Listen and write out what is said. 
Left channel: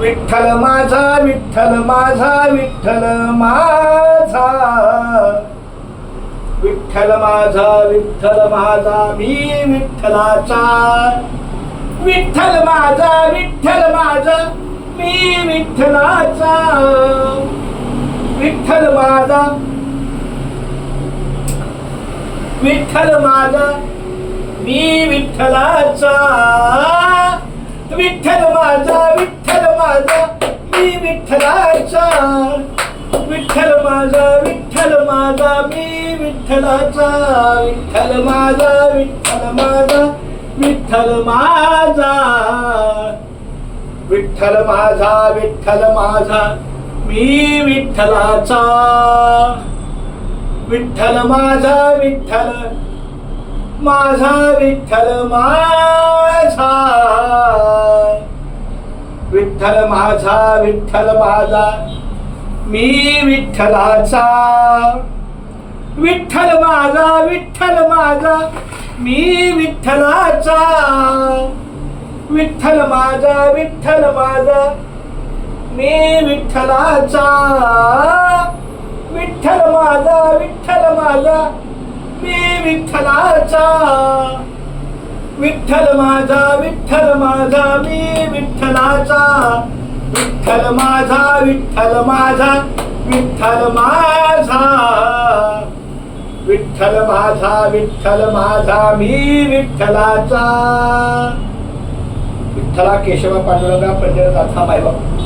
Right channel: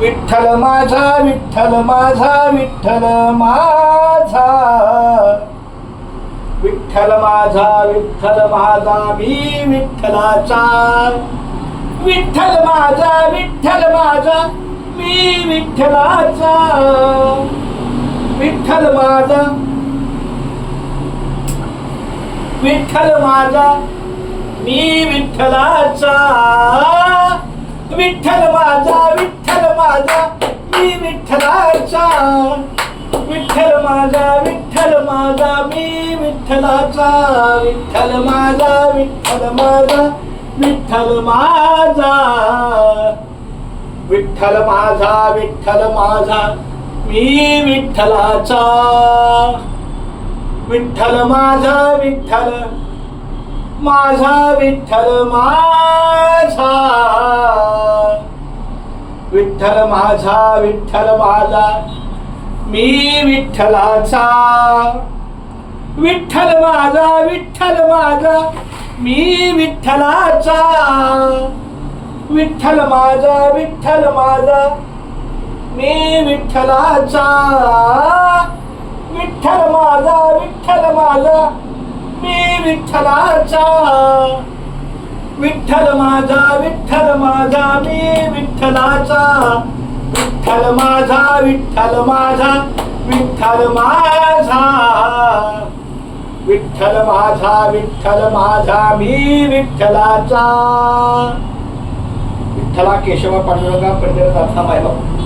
विठ्ठल माझा विठ्ठल माझा विठ्ठल माझा विठ्ठल माझा विठ्ठल माझा मी विठ्ठलाचा विठ्ठल माझा मी विठ्ठलाचा विठ्ठल माझा मी विठ्ठलाचा विठ्ठल माझा मी विठ्ठलाचा विठ्ठल माझा मी विठ्ठलाचा विठ्ठल माझा विठ्ठल माझा विठ्ठल माझा मी विठ्ठलाचा विठ्ठल माझा विठ्ठल माझा विठ्ठल माझा विठ्ठल माझा मी विठ्ठलाचा विठ्ठल माझा मी विठ्ठलाचा विठ्ठल माझा मी विठ्ठलाचा विठ्ठल माझा मी विठ्ठलाचा विठ्ठल माझा मी विठ्ठलाचा विठ्ठल माझा विठ्ठल माझा मी विठ्ठलाचा विठ्ठला केशव पांडुरंगा पंढरनाथा मायबाप